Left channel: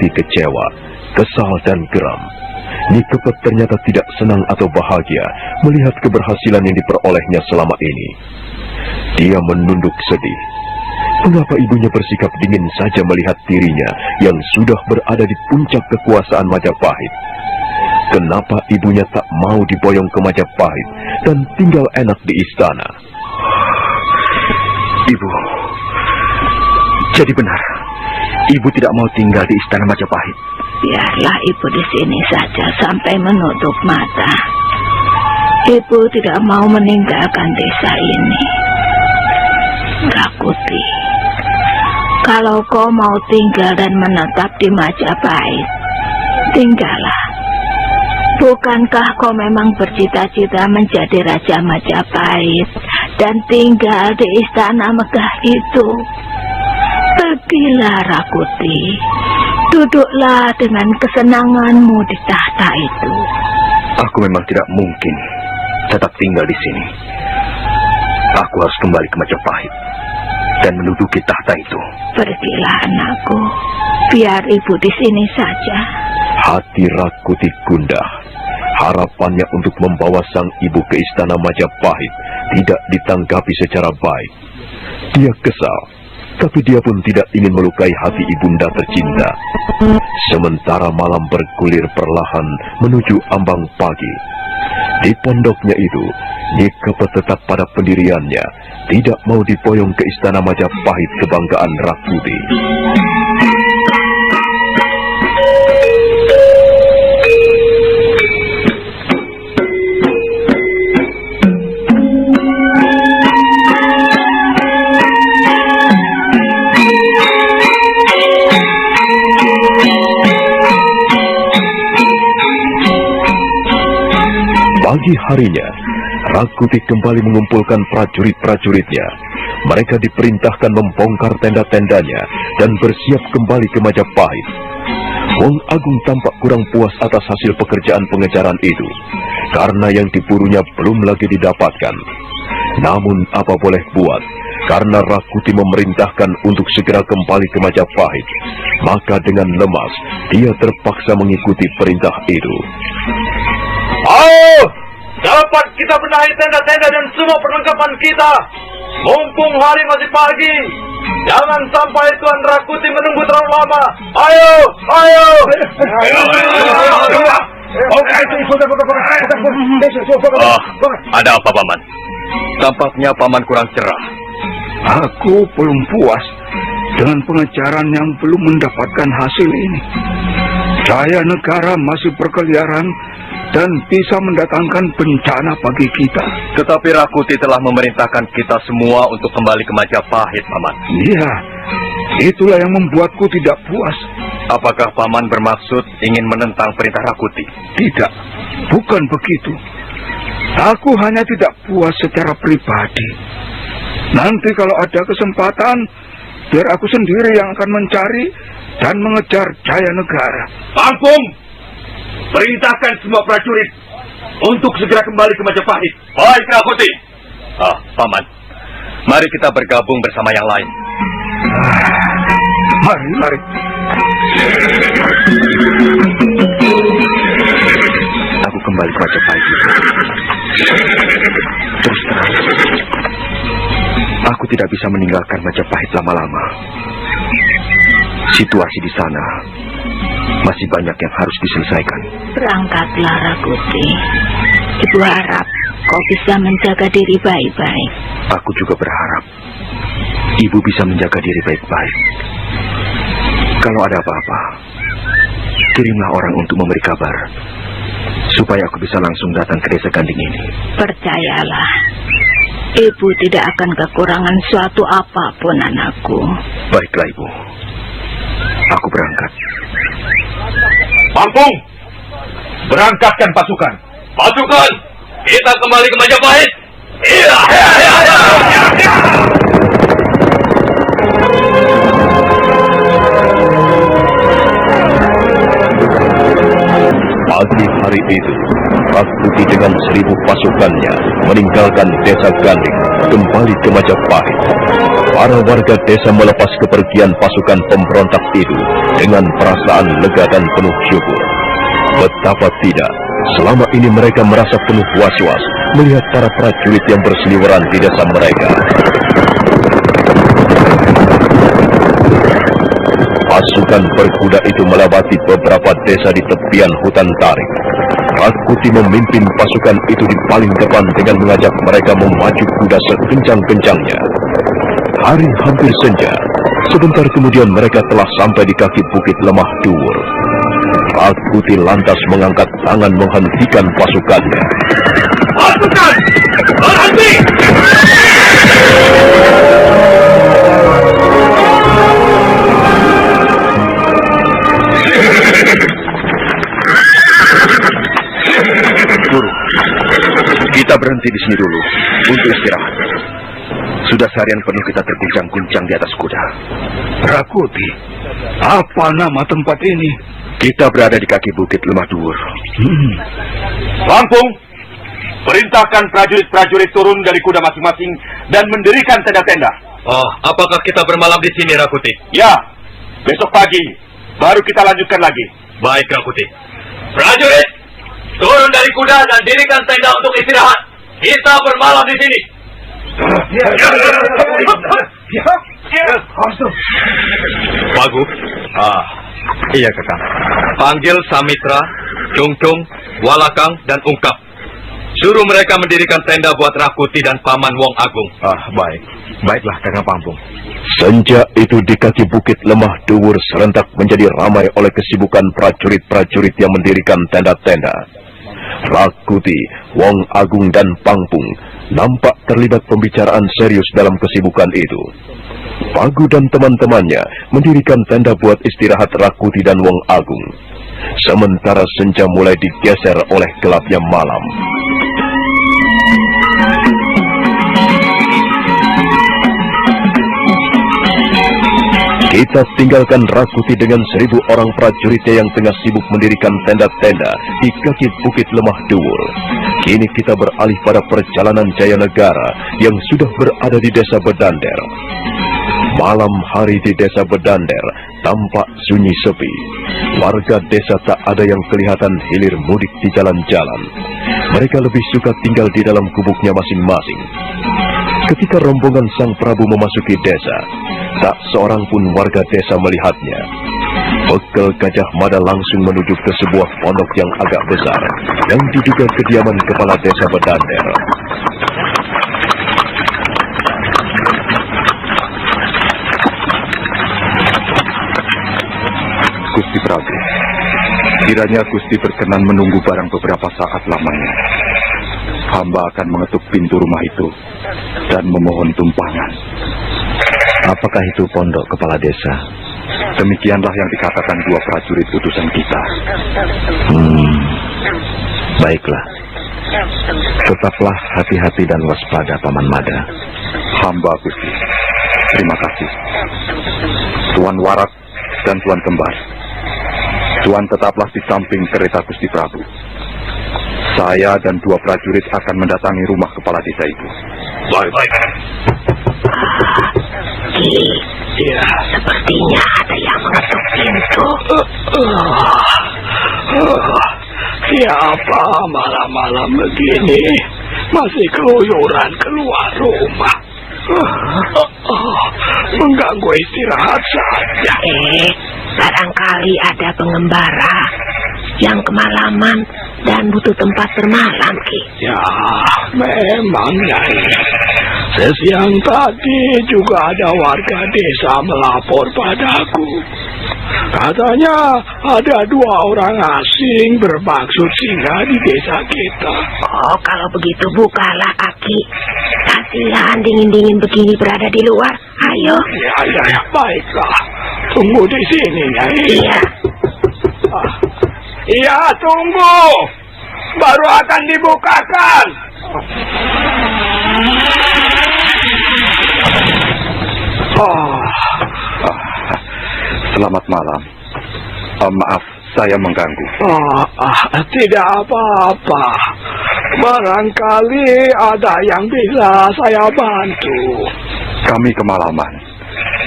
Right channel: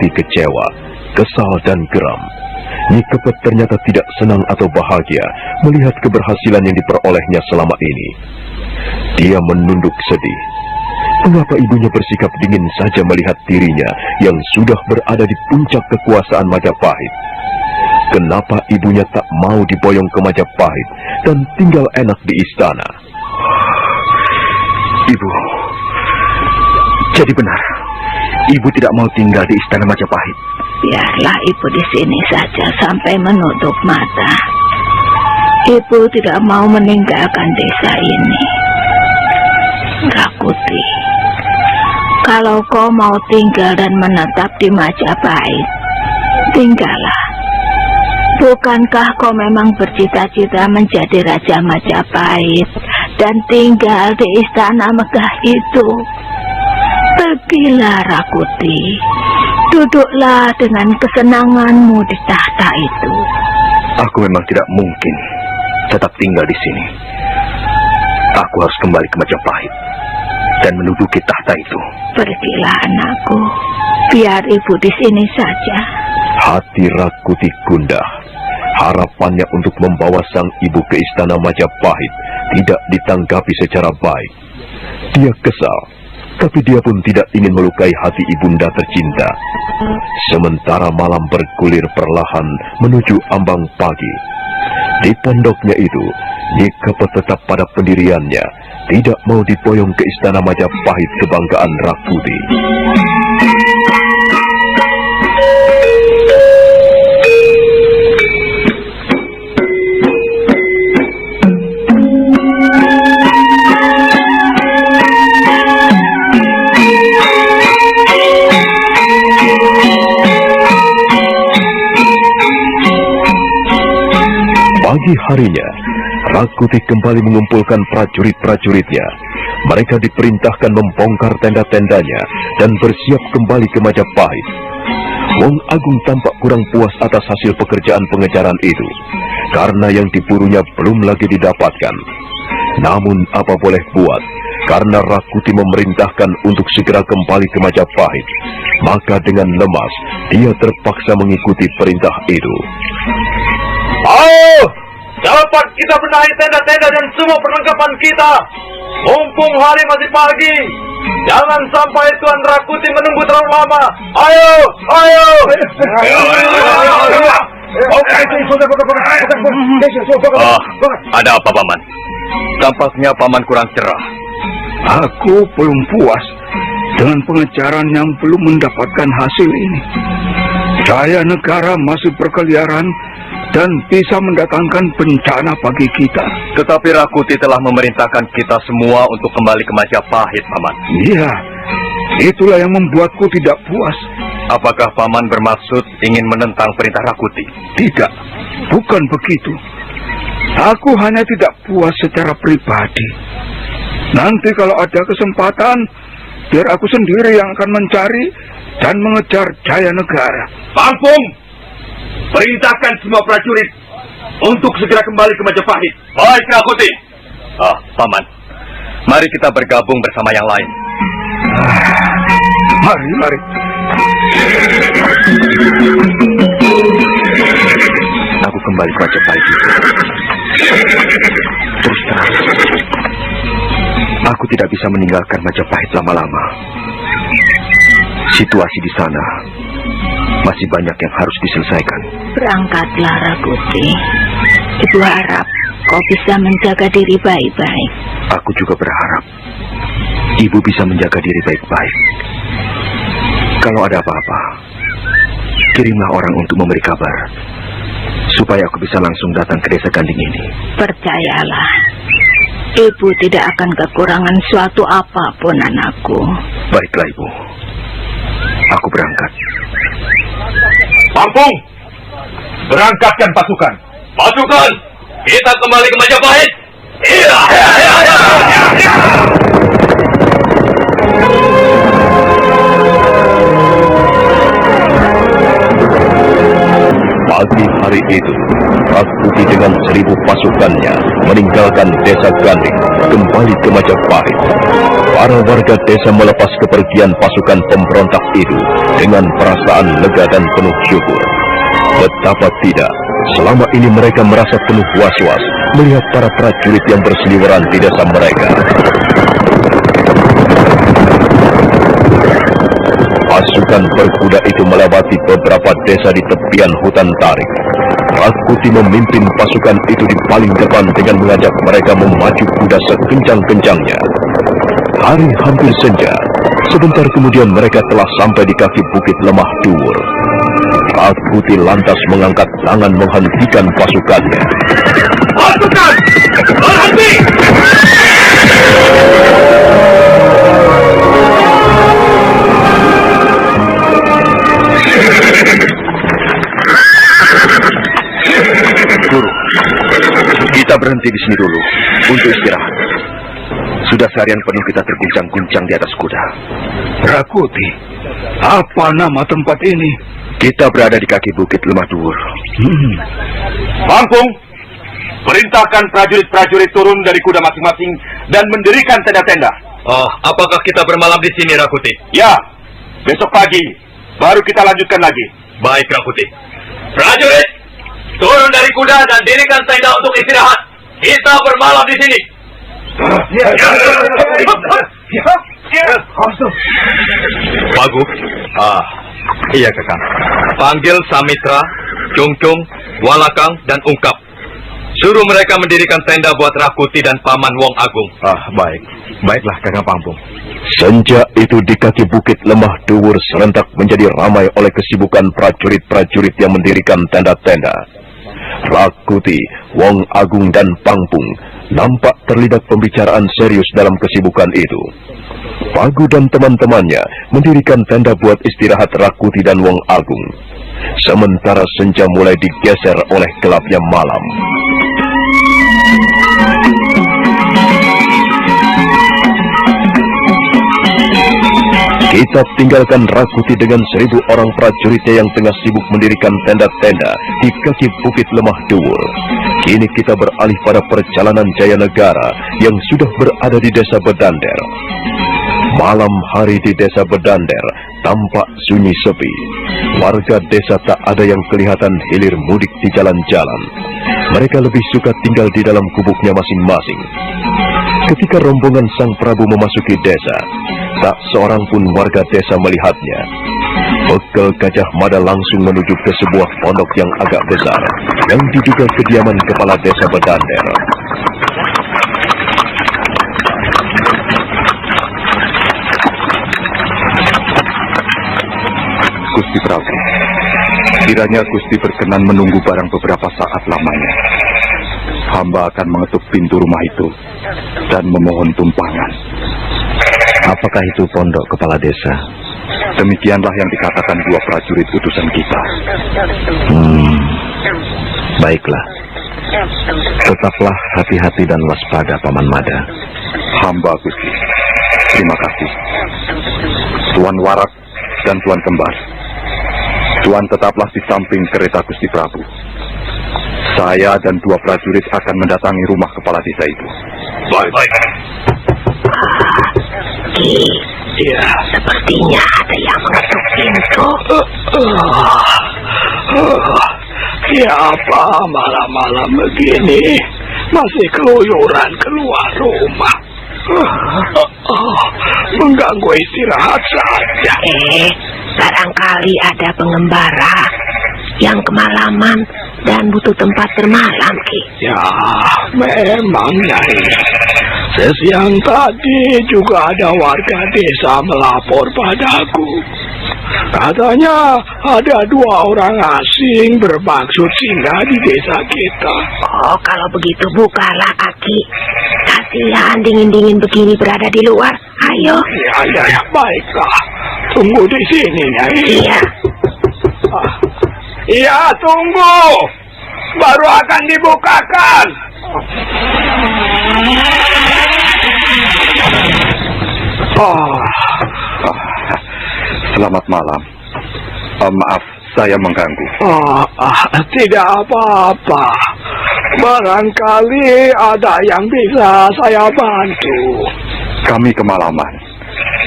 Rakuti kecewa, kesal dan geram. Nyi Kepet ternyata tidak senang atau bahagia melihat keberhasilan yang diperolehnya selama ini. Dia menunduk sedih. Mengapa ibunya bersikap dingin saja melihat dirinya yang sudah berada di puncak kekuasaan Majapahit? Kenapa ibunya tak mau diboyong ke Majapahit dan tinggal enak di istana? Ibu, jadi benar, ibu tidak mau tinggal di istana Majapahit. Biarlah ibu di sini saja sampai menutup mata. Ibu tidak mau meninggalkan desa ini. Rakuti, kalau kau mau tinggal dan menetap di Majapahit, tinggallah. Bukankah kau memang bercita-cita menjadi Raja Majapahit dan tinggal di istana megah itu? Pergilah Rakuti, duduklah dengan kesenanganmu di tahta itu. Aku memang tidak mungkin tetap tinggal di sini. Aku harus kembali ke Majapahit dan menduduki tahta itu. Pergilah anakku, biar ibu di sini saja. Hati Rakuti gundah. Harapannya untuk membawa sang ibu ke istana Majapahit tidak ditanggapi secara baik. Dia kesal, tapi dia pun tidak ingin melukai hati ibunda tercinta. Sementara malam bergulir perlahan menuju ambang pagi. Di pondoknya itu, Nyi Kepet tetap pada pendiriannya, tidak mau diboyong ke istana Majapahit kebanggaan Rakuti. Pagi harinya, Rakuti kembali mengumpulkan prajurit-prajuritnya. Mereka diperintahkan membongkar tenda-tendanya dan bersiap kembali ke Majapahit. Wong Agung tampak kurang puas atas hasil pekerjaan pengejaran itu, karena yang diburunya belum lagi didapatkan. Namun apa boleh buat, karena Rakuti memerintahkan untuk segera kembali ke Majapahit, maka dengan lemas dia terpaksa mengikuti perintah itu. Ayo, dapat kita benahi tenda-tenda dan semua perlengkapan kita. Mumpung hari masih pagi, jangan sampai Tuan Rakuti menunggu terlalu lama. Ayo, ayo. Ada apa, Paman? Tampaknya Paman kurang cerah. Aku belum puas dengan pengejaran yang belum mendapatkan hasil ini. Jaya negara masih berkeliaran dan bisa mendatangkan bencana bagi kita. Tetapi Rakuti telah memerintahkan kita semua untuk kembali ke Majapahit, Paman. Iya, itulah yang membuatku tidak puas. Apakah Paman bermaksud ingin menentang perintah Rakuti? Tidak, bukan begitu. Aku hanya tidak puas secara pribadi. Nanti kalau ada kesempatan, biar aku sendiri yang akan mencari dan mengejar Jaya negara. Langsung perintahkan semua prajurit untuk segera kembali ke Majapahit. Baik, Rakuti. Paman, mari kita bergabung bersama yang lain. Mari. Aku kembali ke Majapahit. Terus terang, aku tidak bisa meninggalkan Majapahit lama-lama. Situasi di sana masih banyak yang harus diselesaikan. Berangkatlah Rakuti. Ibu harap kau bisa menjaga diri baik-baik. Aku juga berharap Ibu bisa menjaga diri baik-baik. Kalau ada apa-apa, kirimlah orang untuk memberi kabar, supaya aku bisa langsung datang ke desa Ganding ini. Percayalah, Ibu tidak akan kekurangan suatu apapun, anakku. Baiklah, Ibu. Aku berangkat. Langsung berangkatkan pasukan. Pasukan, kita kembali ke Majapahit. Iya. Pagi hari itu, Rakuti dengan 1000 pasukannya meninggalkan desa Ganding kembali ke Majapahit. Para warga desa melepas kepergian pasukan pemberontak itu dengan perasaan lega dan penuh syukur. Betapa tidak, selama ini mereka merasa penuh was-was melihat para prajurit yang berseliweran di desa mereka. Pasukan berkuda itu melewati beberapa desa di tepian hutan tarik. Rakuti memimpin pasukan itu di paling depan dengan mengajak mereka memacu kuda sekencang-kencangnya. Hari hampir senja. Sebentar kemudian mereka telah sampai di kaki bukit lemah Duwur. Rakuti lantas mengangkat tangan menghentikan pasukannya. Pasukan! Berhenti! Guru, kita berhenti di sini dulu untuk istirahat. Sudah seharian penuh kita terguncang-guncang di atas kuda. Rakuti, apa nama tempat ini? Kita berada di kaki bukit lemah Duwur. Lampung, perintahkan prajurit-prajurit turun dari kuda masing-masing dan mendirikan tenda-tenda. Oh, apakah kita bermalam di sini, Rakuti? Ya, besok pagi baru kita lanjutkan lagi. Baik, Rakuti. Prajurit, turun dari kuda dan dirikan tenda untuk istirahat. Kita bermalam di sini. Bagus. Iya, Kakang. Panggil Samitra, Cungcung, Walakang, dan Ungkap. Suruh mereka mendirikan tenda buat Rakuti dan Paman Wong Agung. Baik. Baiklah, Kakang Pampung. Senja itu di kaki bukit lemah Duwur serentak menjadi ramai oleh kesibukan prajurit-prajurit yang mendirikan tenda-tenda. Rakuti, Wong Agung, dan Pangpung nampak terlibat pembicaraan serius dalam kesibukan itu. Pagu dan teman-temannya mendirikan tenda buat istirahat Rakuti dan Wong Agung. Sementara senja mulai digeser oleh gelapnya malam. Kita tinggalkan Rakuti dengan 1000 orang prajuritnya yang tengah sibuk mendirikan tenda-tenda di kaki bukit lemah Duwur. Kini kita beralih pada perjalanan Jayanegara yang sudah berada di desa Bedander. Malam hari di desa Bedander tampak sunyi sepi. Warga desa tak ada yang kelihatan hilir mudik di jalan-jalan. Mereka lebih suka tinggal di dalam gubuknya masing-masing. Ketika rombongan Sang Prabu memasuki desa, tak seorang pun warga desa melihatnya. Bekel Gajah Mada langsung menuju ke sebuah pondok yang agak besar, yang diduga kediaman kepala desa Bedander. Gusti Prabu, kiranya Gusti berkenan menunggu barang beberapa saat lamanya. Hamba akan mengetuk pintu rumah itu dan memohon tumpangan. Apakah itu pondok kepala desa? Demikianlah yang dikatakan 2 prajurit utusan kita. Baiklah. Tetaplah hati-hati dan waspada, Paman Mada. Hamba Gusti. Terima kasih. Tuan Warak dan Tuan Kembar. Tuan tetaplah di samping kereta Gusti Prabu. Saya dan 2 prajurit akan mendatangi rumah kepala desa itu. Baik. Ya, sepertinya ada yang mengetuk pintu. Siapa malam-malam begini masih keluyuran keluar rumah? Mengganggu istirahat saja. Barangkali ada pengembara yang kemalaman dan butuh tempat bermalam, Ki. Ya, memang Nyai. Sesiang tadi juga ada warga desa melapor padaku. Katanya ada 2 orang asing bermaksud singgah di desa kita. Oh, kalau begitu bukalah, Aki. Kasihan dingin-dingin begini berada di luar. Ayo. Ya, baiklah. Tunggu di sini, Nyai. Iya. Iya, tunggu. Baru akan dibukakan. Selamat malam. Maaf, saya mengganggu? Tidak apa-apa. Barangkali ada yang bisa saya bantu. Kami kemalaman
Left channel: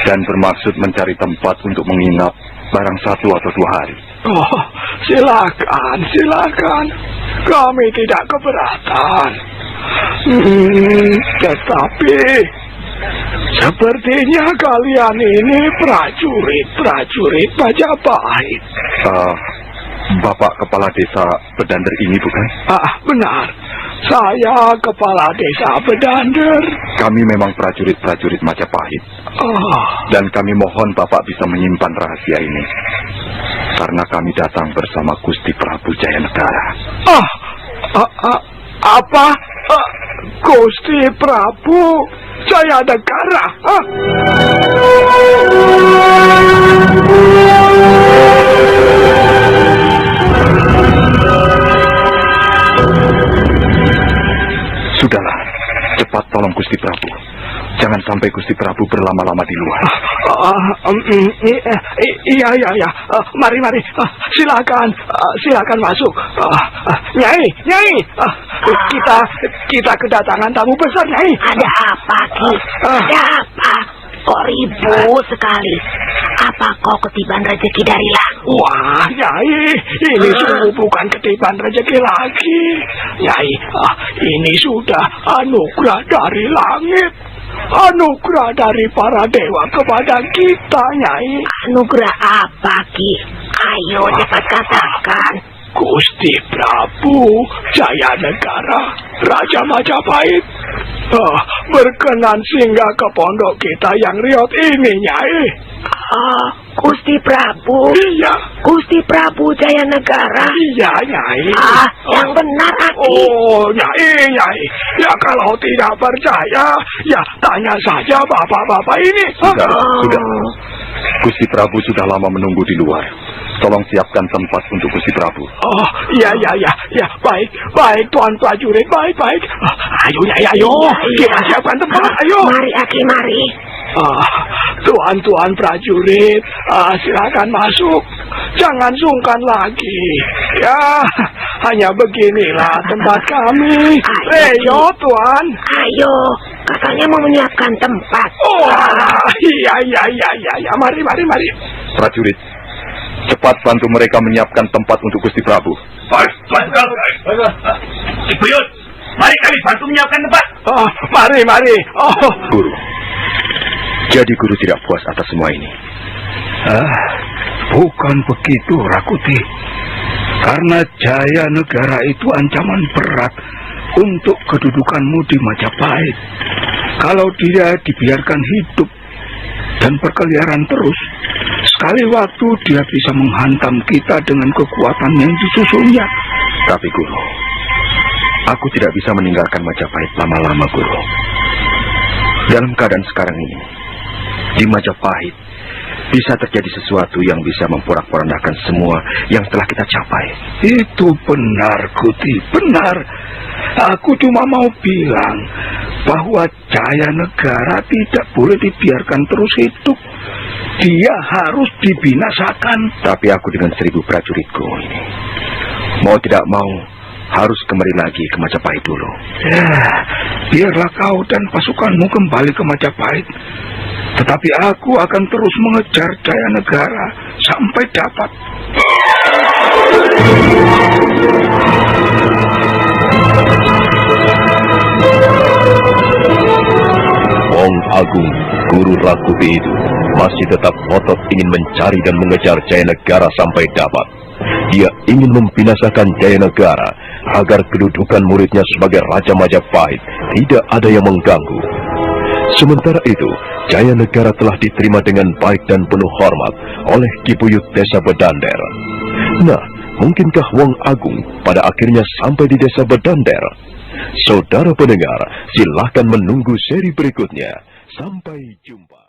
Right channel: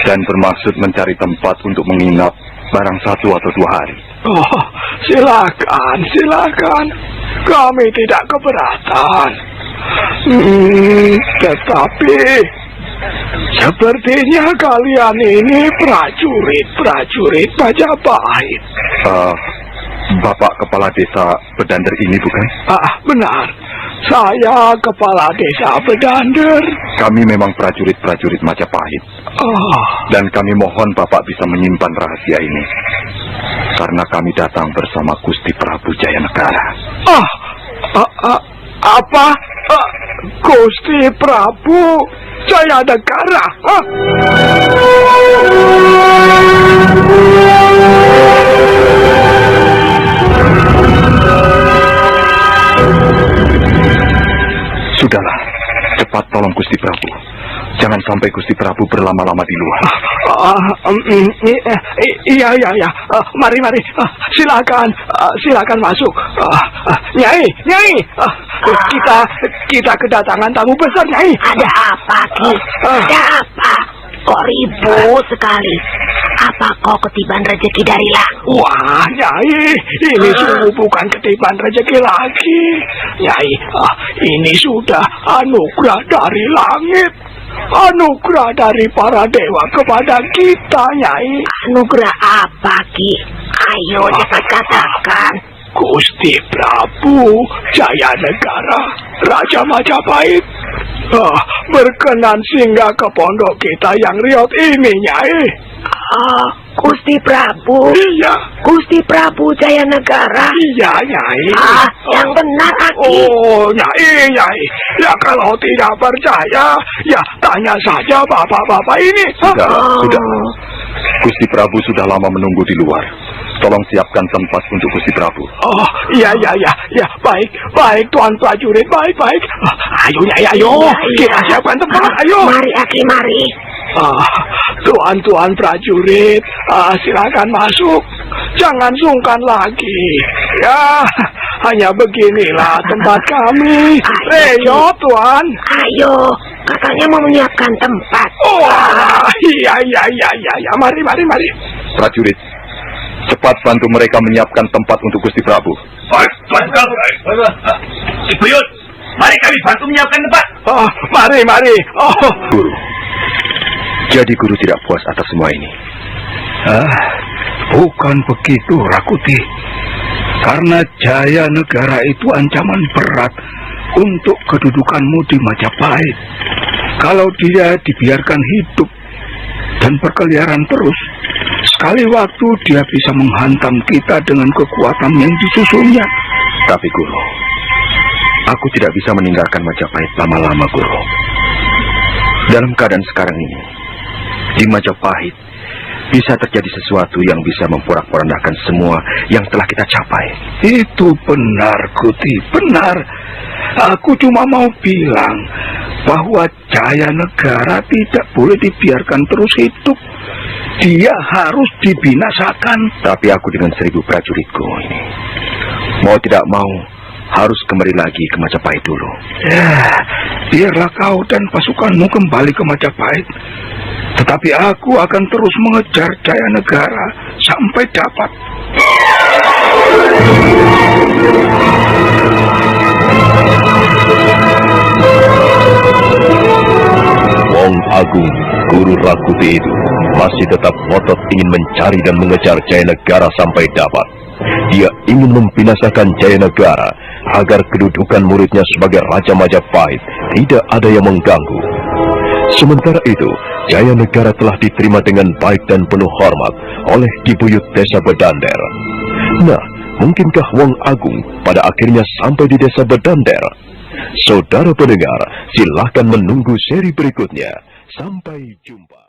dan bermaksud mencari tempat untuk menginap barang 1 atau 2 hari. Silakan. Kami tidak keberatan. Tetapi sepertinya kalian ini prajurit Majapahit. Bapak Kepala Desa Bedander ini bukan? Benar. Saya Kepala Desa Bedander. Kami memang prajurit Majapahit. Dan kami mohon Bapak bisa menyimpan rahasia ini. Karena kami datang bersama Gusti Prabu Jayanegara. Apa? Gusti Prabu Jayanegara? Sudahlah, cepat tolong Gusti Prabu. Jangan sampai Gusti Prabu berlama-lama di luar. Iya. Mari. Silakan masuk. Nyai. Kita kedatangan tamu besar, Nyai. Ada apa, Ki? Ada apa? Kok ribut sekali? Apa kau ketiban rezeki dari langit? Wah, Nyai, ini sungguh bukan ketiban rezeki lagi. Nyai, ini sudah anugerah dari langit. Anugerah dari para dewa kepada kita, Nyai. Anugerah apa, Ki? Ayo cepat katakan. Gusti Prabu Jayanegara, Raja Majapahit, berkenan singgah ke pondok kita yang riot ini, Nyai. Gusti Prabu. Iya. Gusti Prabu Jayanegara. Iya, Nyai. Yang benar, Aki. Nyai. Ya kalau tidak percaya, ya tanya saja bapak-bapak ini. Sudah. Gusti Prabu sudah lama menunggu di luar. Tolong siapkan tempat untuk Gusti Prabu. Iya. Baik, Tuan prajurit, baik. Ayo, Nyai, ayo. Kita siapkan tempat, ayo. Mari, Aki, mari. Tuan prajurit, silakan masuk. Jangan sungkan lagi. Ya, hanya beginilah tempat kami. Ayo, Tuan. Ayo, katanya mau menyiapkan tempat. Iya. Mari. Prajurit, cepat bantu mereka menyiapkan tempat untuk Gusti Prabu. Baik, Ibu Yud, mari kami bantu menyiapkan tempat. Mari. Guru, jadi guru tidak puas atas semua ini? Bukan begitu, Rakuti. Karena Jayanegara itu ancaman berat untuk kedudukanmu di Majapahit. Kalau dia dibiarkan hidup dan berkeliaran terus, sekali waktu dia bisa menghantam kita dengan kekuatan yang disusunnya. Tapi Guru, aku tidak bisa meninggalkan Majapahit lama-lama, Guru. Dalam keadaan sekarang ini, di Majapahit bisa terjadi sesuatu yang bisa memporak-porandahkan semua yang telah kita capai. Itu benar, Guti, benar. Aku cuma mau bilang bahwa Jayanegara tidak boleh dibiarkan terus hidup. Dia harus dibinasakan. Tapi aku dengan 1000 prajuritku ini, mau tidak mau, harus kembali lagi ke Majapahit dulu. Ya, biarlah kau dan pasukanmu kembali ke Majapahit. Tetapi aku akan terus mengejar Jayanegara sampai dapat. Wong Agung, guru Rakuti itu, masih tetap ngotot ingin mencari dan mengejar Jayanegara sampai dapat. Dia ingin membinasakan Jayanegara agar kedudukan muridnya sebagai Raja Majapahit tidak ada yang mengganggu. Sementara itu, Jayanegara telah diterima dengan baik dan penuh hormat oleh Kibuyut Desa Bedander. Nah, mungkinkah Wong Agung pada akhirnya sampai di Desa Bedander? Saudara pendengar, silahkan menunggu seri berikutnya. Sampai jumpa.